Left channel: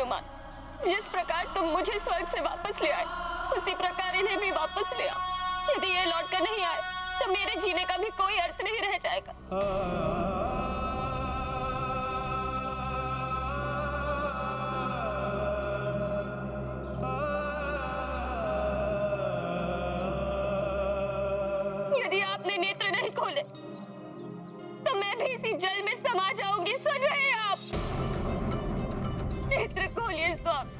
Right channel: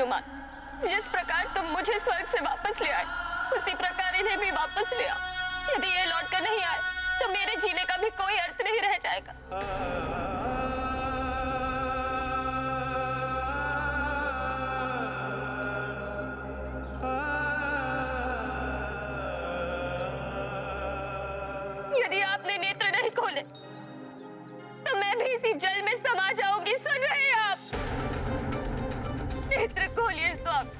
हनुमान, जिस प्रकार तुम मुझे स्वर्ग से वापस ले आए, उसी प्रकार इन्हें भी वापस ले आओ। यदि ये लौट कर नहीं आए तो मेरे जीने का भी कोई अर्थ नहीं रह जाएगा। यदि आपने नेत्र नहीं खोले तो मैं भी इसी जल में समा जाऊंगी। सुन रहे हैं आप? नेत्र खोलिए स्वामी।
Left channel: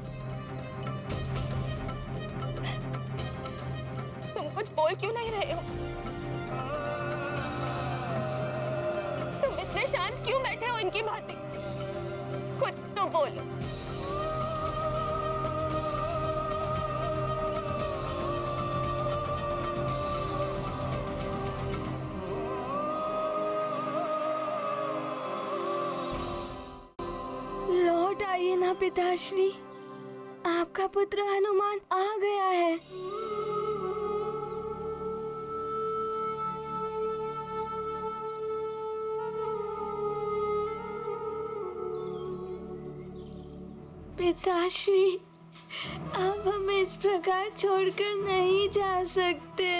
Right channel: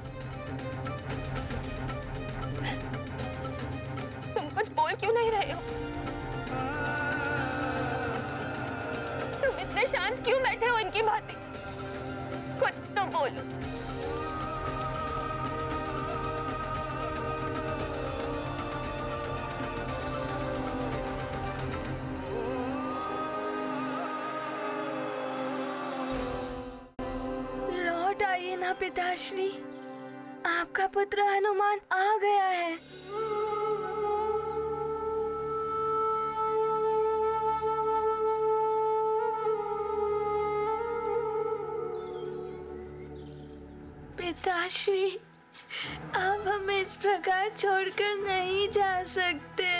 तुम कुछ बोल क्यों नहीं रहे हो? तुम इतने शांत क्यों बैठे हो इनकी भांति? कुछ तो बोलो। लौट आइए ना पिताश्री, आपका पुत्र हनुमान आ गया है। पिताश्री, आप हमें इस प्रकार छोड़कर नहीं जा सकते।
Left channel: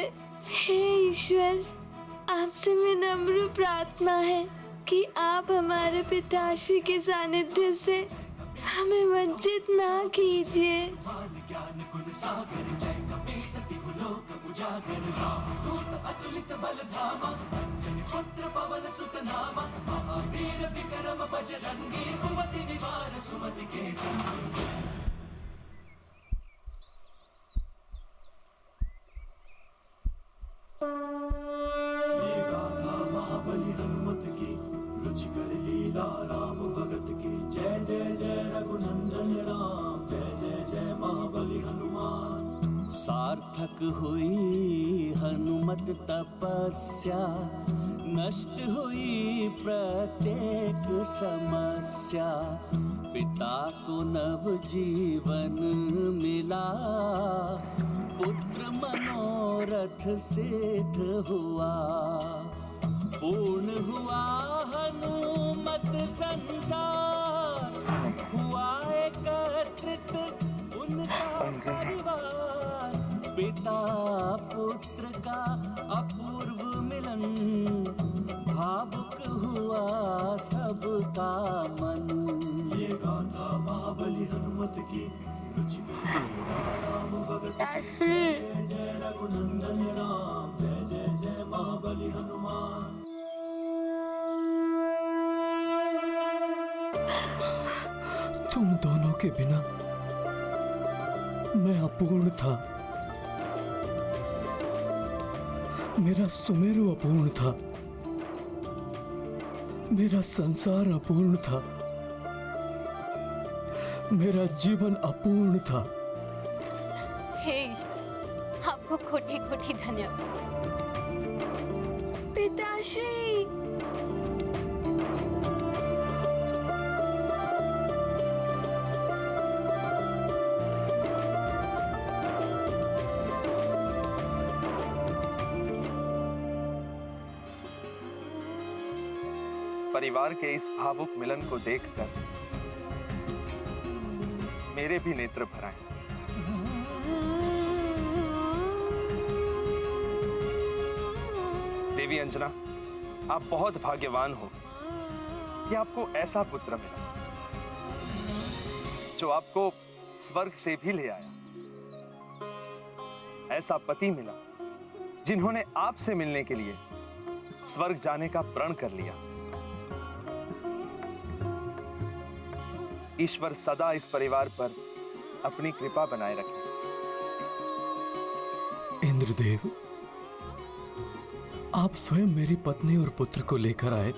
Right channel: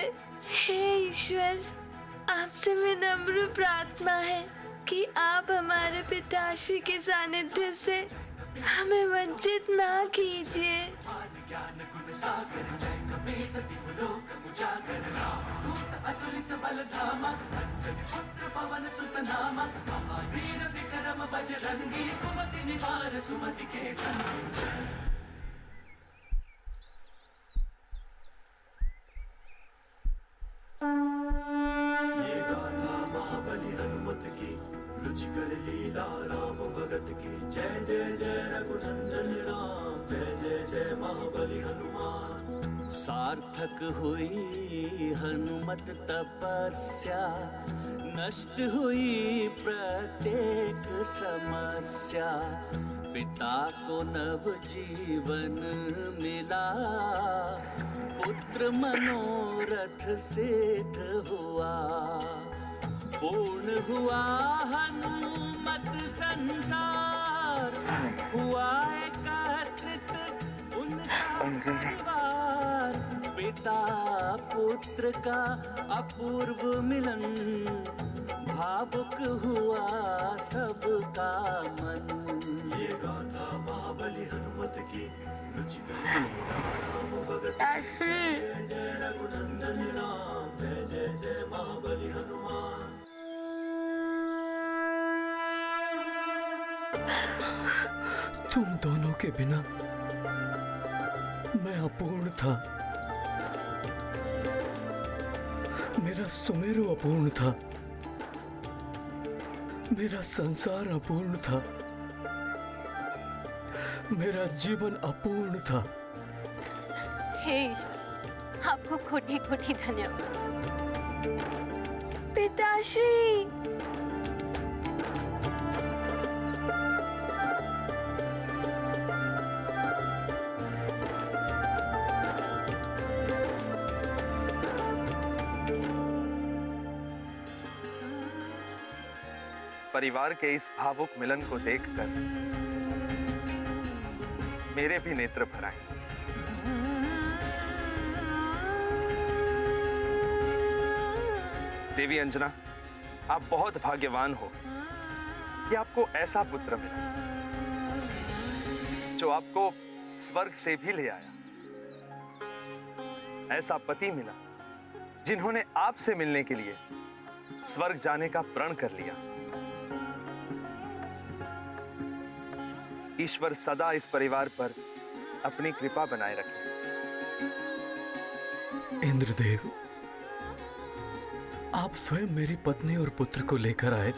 हे ईश्वर, आपसे विनम्र प्रार्थना है कि आप हमारे पिताश्री के सानिध्य से हमें वंचित ना कीजिए। ये गाथा महाबली हनुमत की, रुचिकर लीला राम भगत की। जय जय जय रघुनंदन राम, जय जय जय महाबली हनुमान। सार्थक हुई हनुमत तपस्या, नष्ट हुई प्रत्येक समस्या। पिता को नव जीवन मिला, पुत्र मनोरथ सिद्ध हुआ। पूर्ण हुआ हनुमत संसार, हुआ एकत्रित उनका परिवार। पिता पुत्र का अपूर्व मिलन, भावुक हुआ सबका मन। ये गाथा महाबली हनुमत की, रुचिकर राम भगत की। जय जय रघुनंदन राम, जय जय जय महाबली हनुमान। तुम दोनों के बिना मैं अपूर्ण था। मेरा सुमेरु अपूर्ण था, मेरा संसार अपूर्ण था, मेरा जीवन अपूर्ण था। हे ईश्वर, आपको कोटि कोटि धन्यवाद। पिताश्री, परिवार के इस भावुक मिलन को देखकर मेरे भी नेत्र भर आए। देवी अंजना, आप बहुत भाग्यवान हो कि आपको ऐसा पुत्र मिला जो आपको स्वर्ग से भी ले आया। ऐसा पति मिला जिन्होंने आपसे मिलने के लिए स्वर्ग जाने का प्रण कर लिया। ईश्वर सदा इस परिवार पर अपनी कृपा बनाए रखे। इंद्रदेव, आप स्वयं मेरी पत्नी और पुत्र को लेकर आए,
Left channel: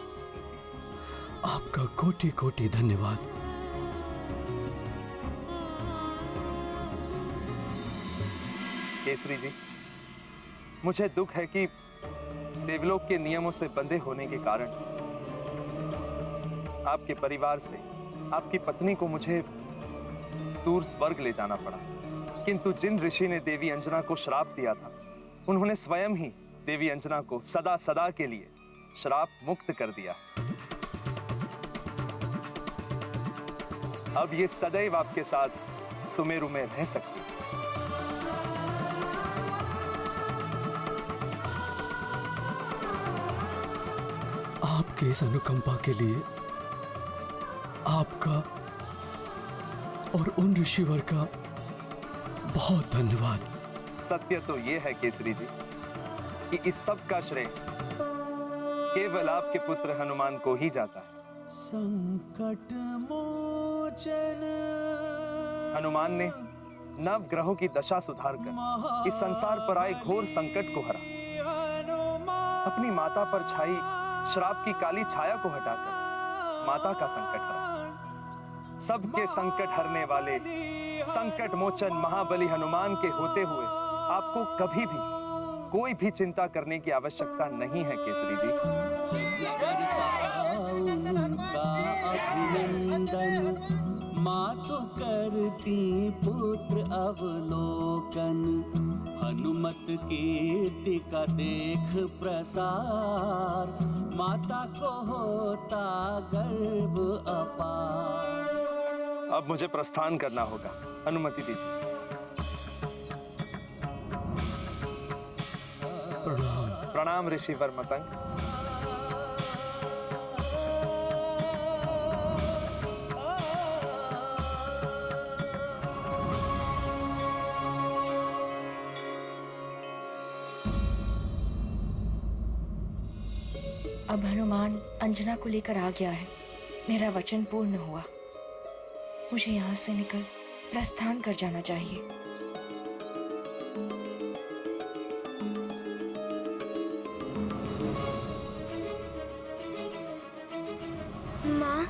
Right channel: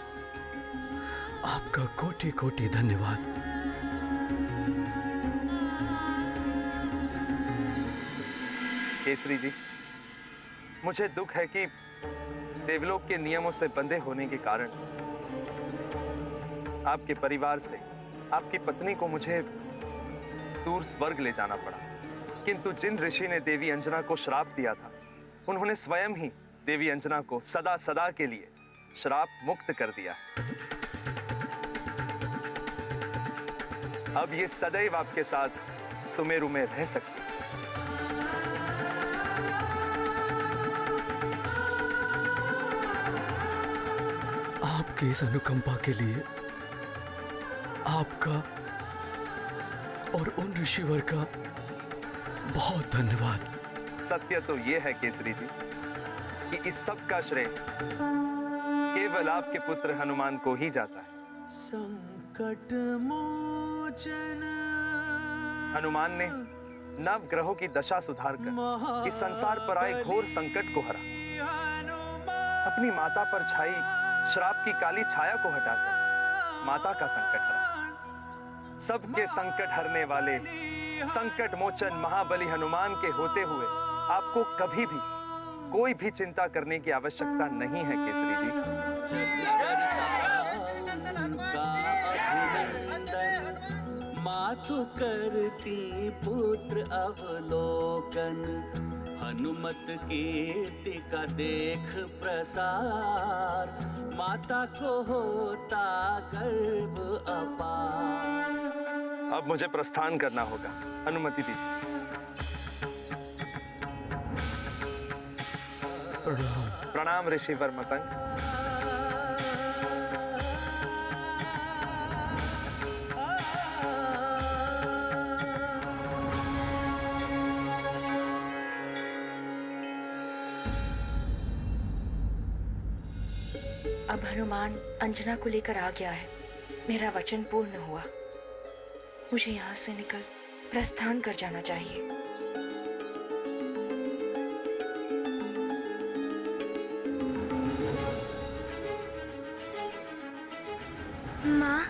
आपका कोटि कोटि धन्यवाद। केसरी जी, मुझे दुख है कि देवलोक के नियमों से बंधे होने के कारण आपके परिवार से आपकी पत्नी को मुझे दूर स्वर्ग ले जाना पड़ा। किंतु जिन ऋषि ने देवी अंजना को श्राप दिया था, उन्होंने स्वयं ही देवी अंजना को सदा सदा के लिए श्राप मुक्त कर दिया। अब ये सदैव आपके साथ सुमेरु में रह सकती है। आपकी इस अनुकंपा के लिए आपका और उन ऋषिवर का बहुत धन्यवाद। सत्य तो ये है केसरी जी कि इस सब का श्रेय केवल आपके पुत्र हनुमान को ही जाता है। संकट मोचन हनुमान ने नव ग्रहों की दशा सुधारकर इस संसार पर आए घोर संकट को हरा। अपनी माता पर छाई श्राप की काली छाया को हटाकर माता का संकट हरा। सबके संकट हरने वाले संकट मोचन महाबली हनुमान के होते हुए आपको कभी भी कोई भी चिंता करने की आवश्यकता नहीं है केसरी जी। उनका अभिनंदन, मातु करती पुत्र अवलोकन, हनुमत कीर्ति का देख प्रसार, माता को होता गर्व अपार। अब मुझे प्रस्थान करना होगा, अनुमति दीजिए। प्रणाम। प्रणाम ऋषिवर मतंग। अब हनुमान अंजना को लेकर आ गया है। मेरा वचन पूर्ण हुआ। मुझे यहाँ से निकल प्रस्थान कर जाना चाहिए। माँ,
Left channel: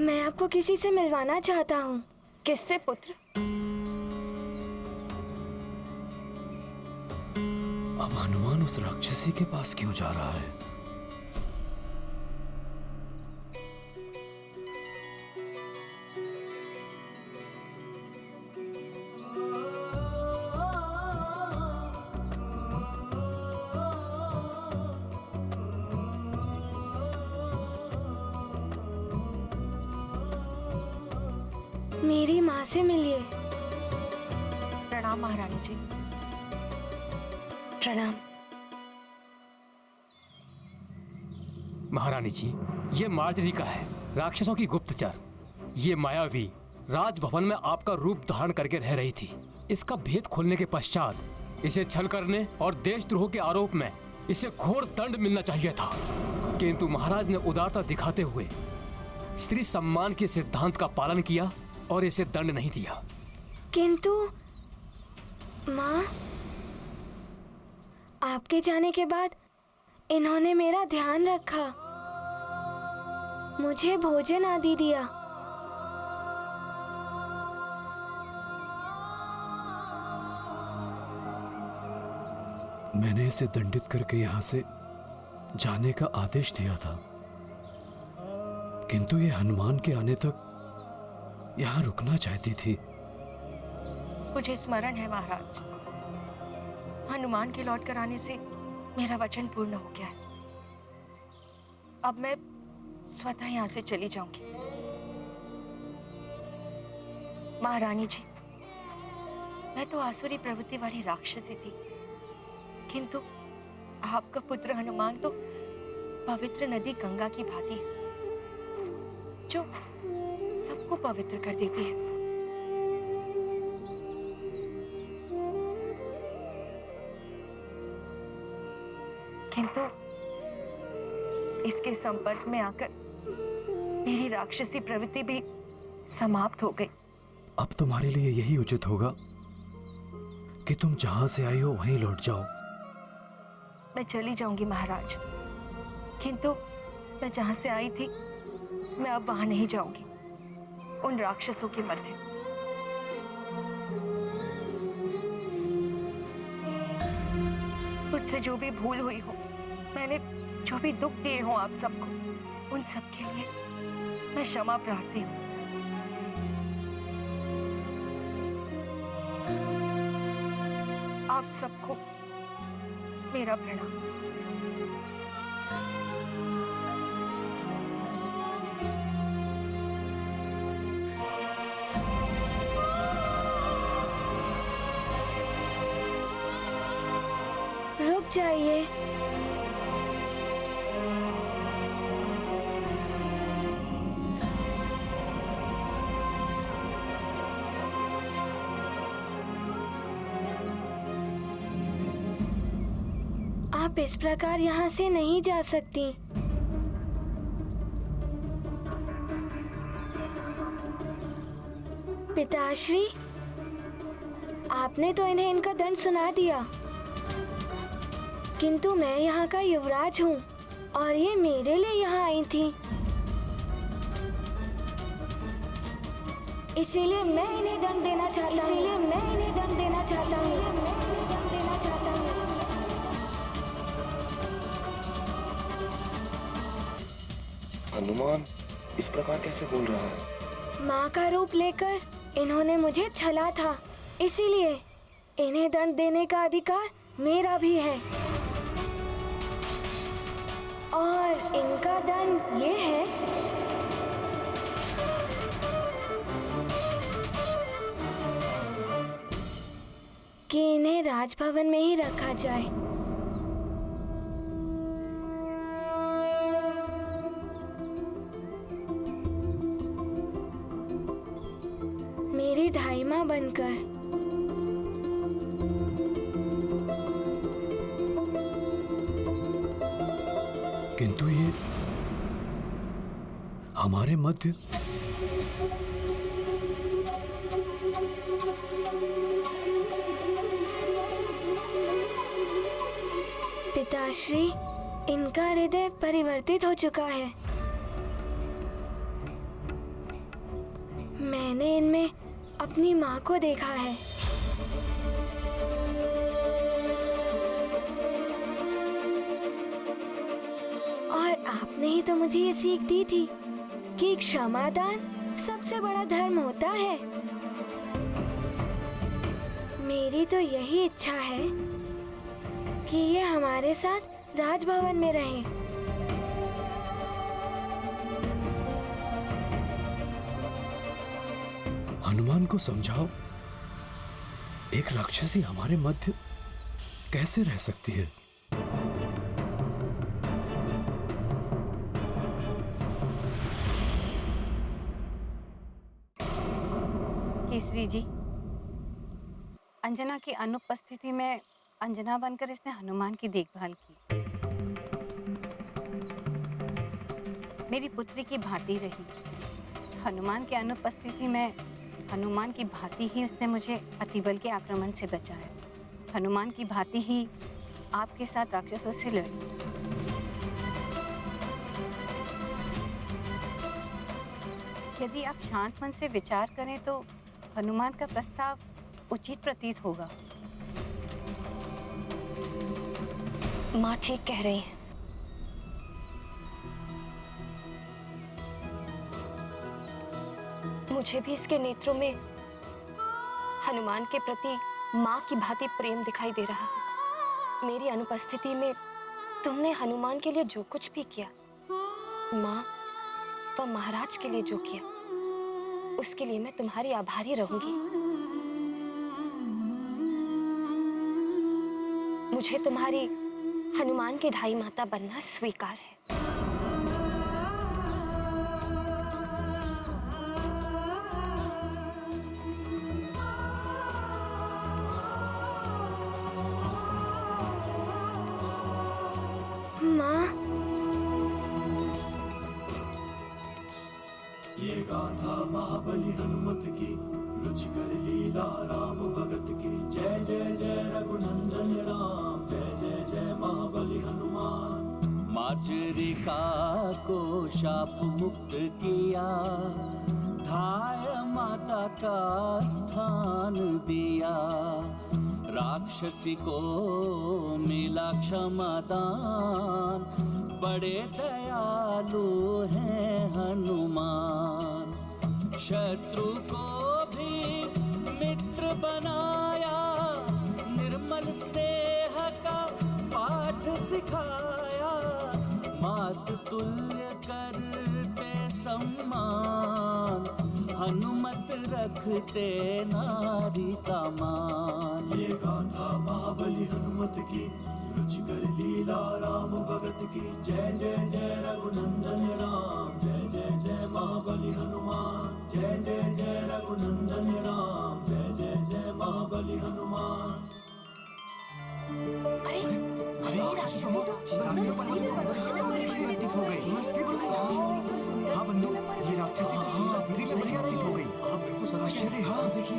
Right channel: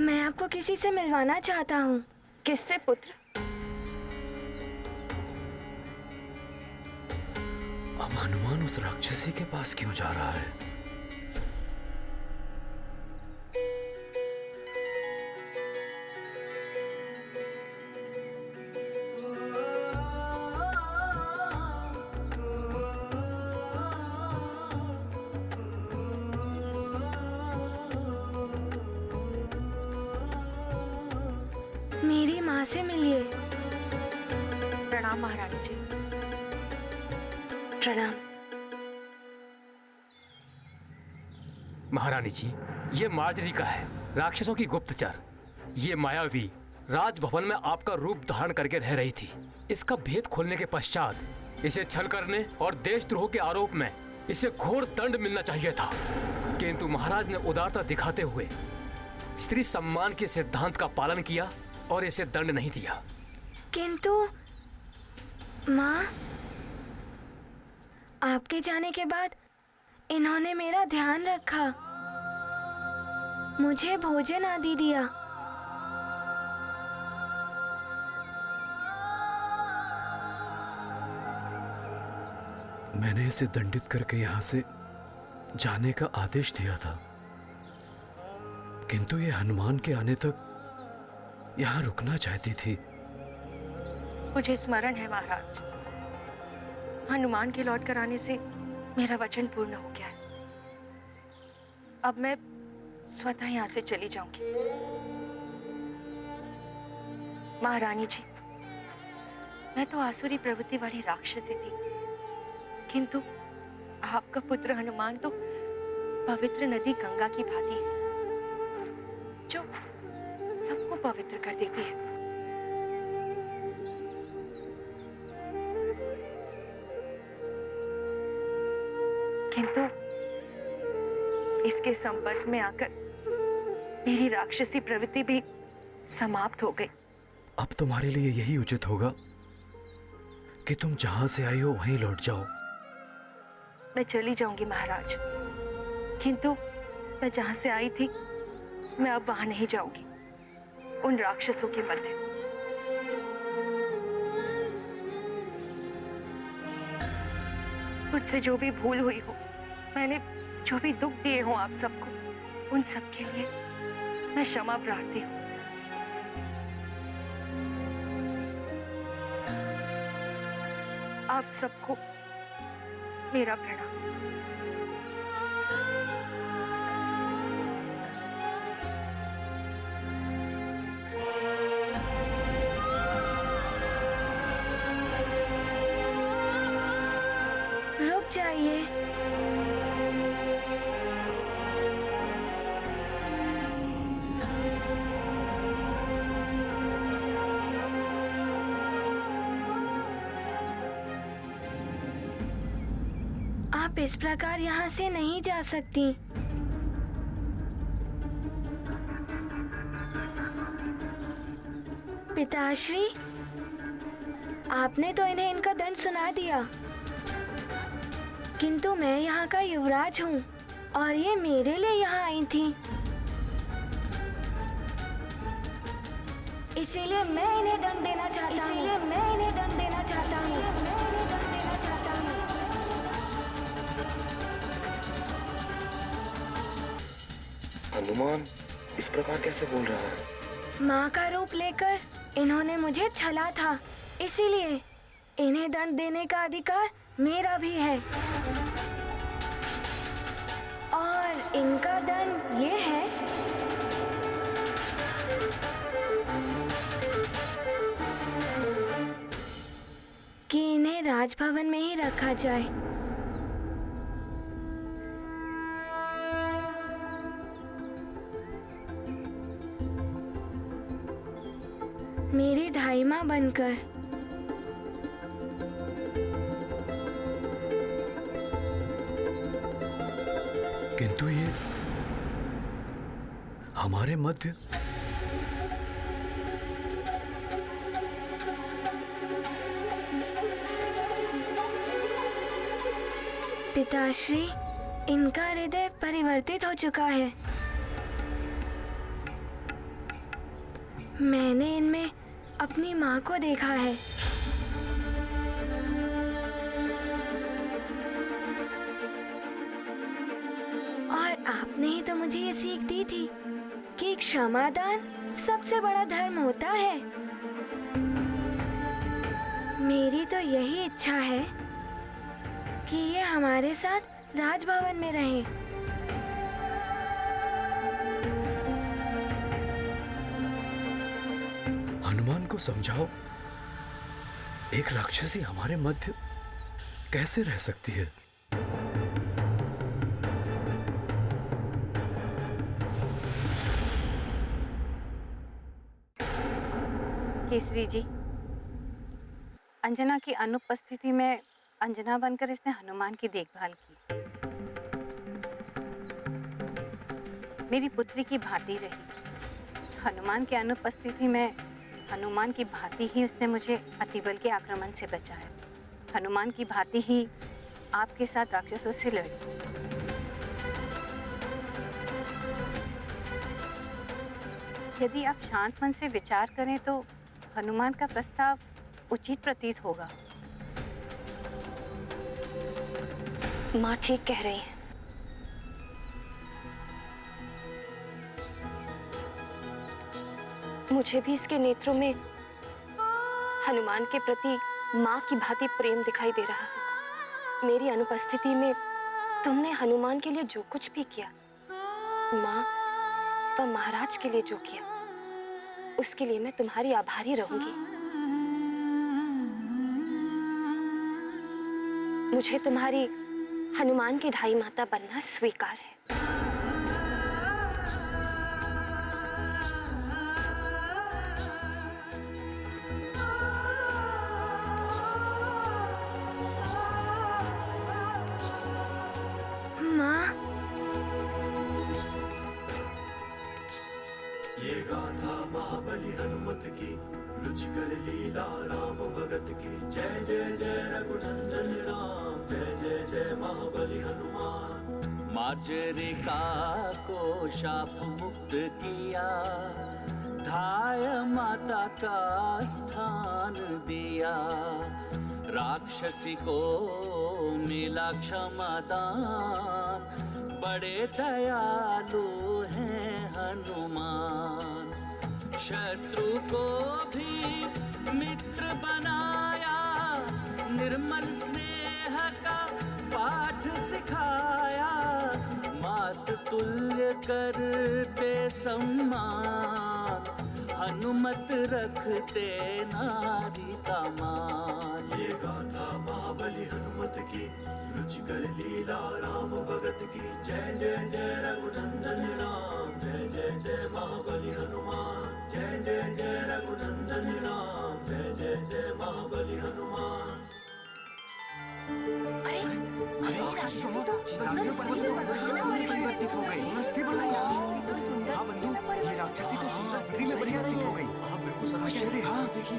मैं आपको किसी से मिलवाना चाहता हूँ। किससे पुत्र? अब हनुमान उस राक्षसी के पास क्यों जा रहा है? मेरी माँ से मिलिए। प्रणाम महारानी जी। प्रणाम। महारानी जी, ये मार्जरी का है, राक्षसों की गुप्तचर। ये मायावी राजभवन में आपका रूप धारण करके रह रही थी। इसका भेद खोलने के पश्चात इसे छल करने और देशद्रोह के आरोप में इसे घोर दंड मिलना चाहिए था, किंतु महाराज ने उदारता दिखाते हुए स्त्री सम्मान के सिद्धांत का पालन किया और इसे दंड नहीं दिया। किंतु माँ, आपके जाने के बाद इन्होंने मेरा ध्यान रखा, मुझे भोजन आदि दिया। मैंने इसे दंडित करके यहाँ से जाने का आदेश दिया था, किंतु ये हनुमान के आने तक यहाँ रुकना चाहती थी। मुझे स्मरण है महाराज, हनुमान के लौट कर आने से मेरा वचन पूर्ण हो गया है। अब मैं स्वतः यहाँ से चली जाऊंगी। महारानी जी, मैं तो आसुरी प्रवृत्ति वाली राक्षसी थी, किंतु आपका पुत्र हनुमान तो पवित्र नदी गंगा की भांति है, जो सबको पवित्र कर देती है। किंतु इसके संपर्क में आकर मेरी राक्षसी प्रवृत्ति भी समाप्त हो गई। अब तुम्हारे लिए यही उचित होगा कि तुम जहां से आई हो वहीं लौट जाओ। मैं चली जाऊंगी महाराज, किंतु मैं जहां से आई थी मैं अब वहां नहीं जाऊंगी, उन राक्षसों के मध्य। मुझसे जो भी भूल हुई हो, मैंने जो भी दुख दिए हो आप सबको, उन सब के लिए मैं क्षमा प्रार्थी हूँ। आप सबको मेरा प्रणाम। रुक जाइए। आप इस प्रकार यहाँ से नहीं जा सकती। पिताश्री, आपने तो इन्हें इनका दंड सुना दिया, किंतु मैं यहाँ का युवराज हूँ और ये मेरे लिए यहाँ आई थी, इसीलिए मैं इन्हें दंड देना चाहता हूँ। हनुमान इस प्रकार कैसे बोल रहा है? माँ का रूप लेकर इन्होंने मुझे छला था, इसीलिए इन्हें दंड देने का अधिकार मेरा भी है। और इनका दंड ये है कि इन्हें राजभवन में ही रखा जाए। मेरी ढाई माँ बनकर। किंतु ये हमारे मध्य पिताश्री, इनका हृदय परिवर्तित हो चुका है। मैंने इनमें अपनी माँ को देखा है। और आपने ही तो मुझे ये सीख दी थी कि क्षमादान सबसे बड़ा धर्म होता है। मेरी तो यही इच्छा है कि ये हमारे साथ राजभवन में रहें। हनुमान को समझाओ, एक राक्षसी हमारे मध्य कैसे रह सकती है? केसरी जी, अंजना की अनुपस्थिति में अंजना बनकर इसने हनुमान की देखभाल की। मेरी पुत्री की भांति रही। हनुमान की अनुपस्थिति में हनुमान की भांति ही उसने मुझे अतिबल के आक्रमण से बचाया। हनुमान की भांति ही आपके साथ राक्षसों से लड़ी। यदि आप शांत मन से विचार करें तो हनुमान का प्रस्ताव उचित प्रतीत होगा। माँ ठीक कह रही हैं। मुझे भी इसके नेत्रों में हनुमान के प्रति माँ की भांति प्रेम दिखाई दे रहा है। मेरी अनुपस्थिति में तुमने हनुमान के लिए जो कुछ भी किया, माँ व महाराज के लिए जो किया, उसके लिए मैं तुम्हारी आभारी रहूंगी। मुझे तुम्हारी हनुमान की ढाई माता बनना स्वीकार है। माँ, ये गाथा महाबली हनुमत की, रुचिकर लीला राम भगत की। जय जय जय रघुनंदन राम, जय जय जय महाबली हनुमान। मार्जरिका को शाप मुक्त किया, धाय माता का स्थान दिया। राक्षसी को मिला क्षमादान, बड़े दयालु हैं हनुमान। शत्रु को भी मित्र बनाया, निर्मल स्नेह का पाठ सिखाया। मात तुल्य करते सम्मान, हनुमत रखते नारी का मान। ये गाथा महाबली हनुमत की, रुचिकर लीला राम भगत की। जय जय जय रघुनंदन राम, जय जय जय महाबली हनुमान। जय जय जय रघुनंदन राम, जय जय जय महाबली हनुमान। हाँ बंधु, ये राक्षसी तो सुंदर स्त्री में परिवर्तित हो गई। हाँ बिल्कुल आश्चर्य। हाँ देखिए।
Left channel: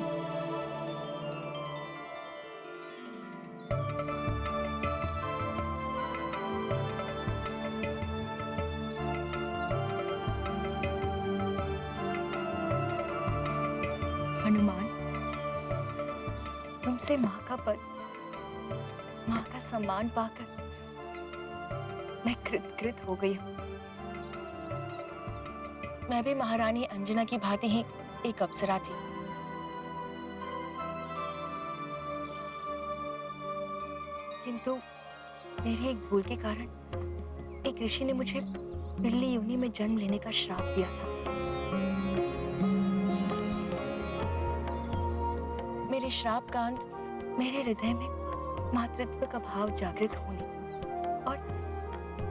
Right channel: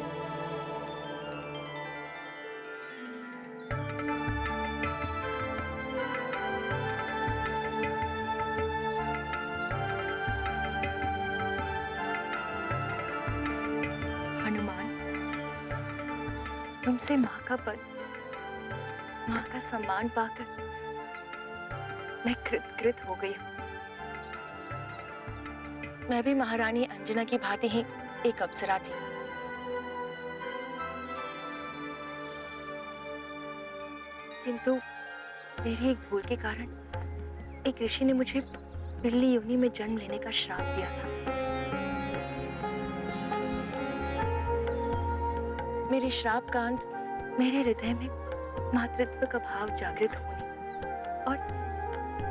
हनुमान, तुमसे माँ का पद, माँ का सम्मान पाकर मैं कृतकृत हो गई हूँ। मैं भी महारानी अंजना की भांति ही एक अप्सरा थी। किंतु मेरी एक भूल के कारण एक ऋषि ने मुझे बिल्ली योनि में जन्म लेने का श्राप दिया था। मेरे श्राप का अंत मेरे हृदय में मातृत्व का भाव जागृत होने और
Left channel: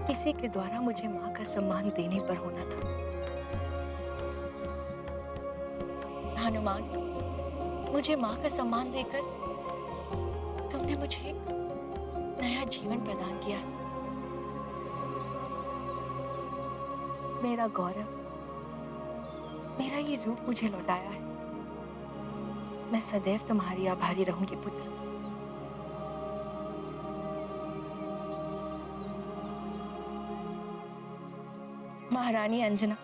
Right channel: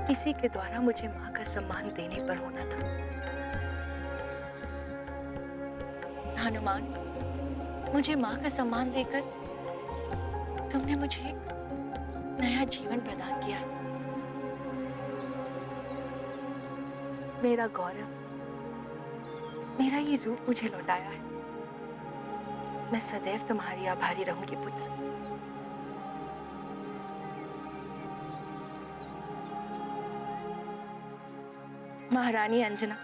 किसी के द्वारा मुझे माँ का सम्मान देने पर होना था। हनुमान, मुझे माँ का सम्मान देकर तुमने मुझे एक नया जीवन प्रदान किया है। मेरा गौरव, मेरा ये रूप मुझे लौटाया है। मैं सदैव तुम्हारी आभारी रहूंगी पुत्र। महारानी अंजना,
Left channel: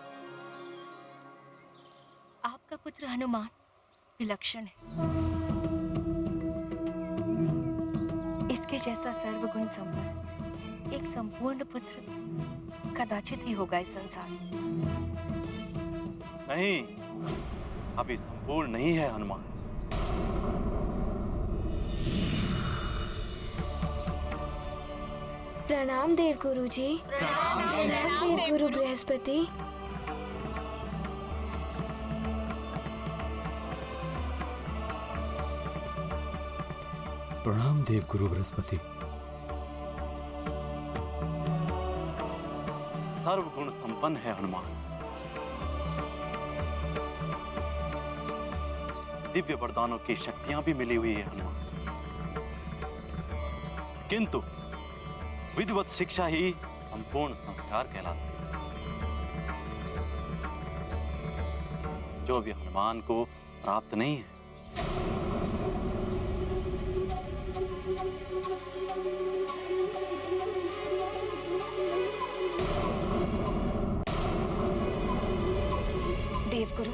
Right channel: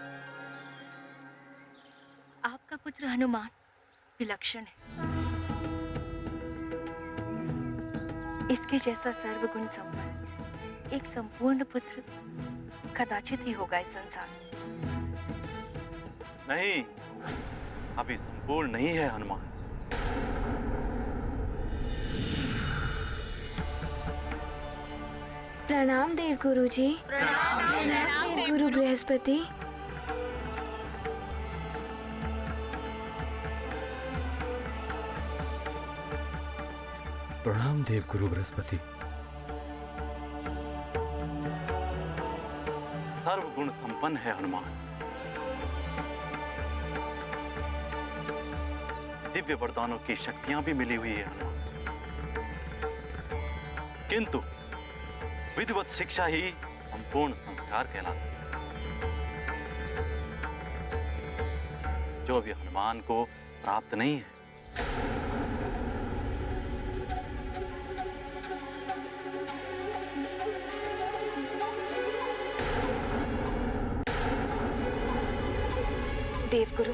आपका पुत्र हनुमान विलक्षण है। इसके जैसा सर्वगुण संपन्न एक संपूर्ण पुत्र कदाचित ही होगा इस संसार में। नहीं, अभी संपूर्ण नहीं है हनुमान। प्रणाम देव गुरु जी। प्रणाम देव गुरु बृहस्पति। प्रणाम देव गुरु बृहस्पति। सर्वगुण संपन्न है हनुमान। दिव्य वरदानों की शक्तियां भी मिली हुई है हनुमान, किंतु विधिवत शिक्षा ही संपूर्ण संस्कार कहलाती है, जो भी हनुमान को प्राप्त नहीं है। देवगुरु,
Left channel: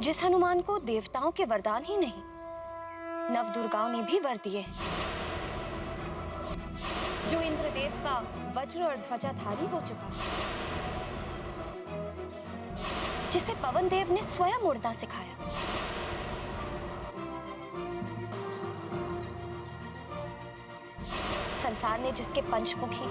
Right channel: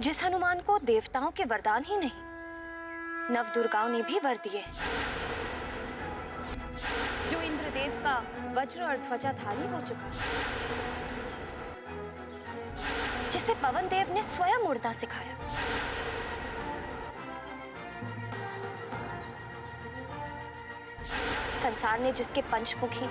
जिस हनुमान को देवताओं के वरदान ही नहीं, नव दुर्गाओं ने भी वर दिए हैं, जो इंद्रदेव का वज्र और ध्वजाधारी हो चुका है, जिसे पवन देव ने स्वयं उड़ना सिखाया, संसार ने जिसके पंचमुखी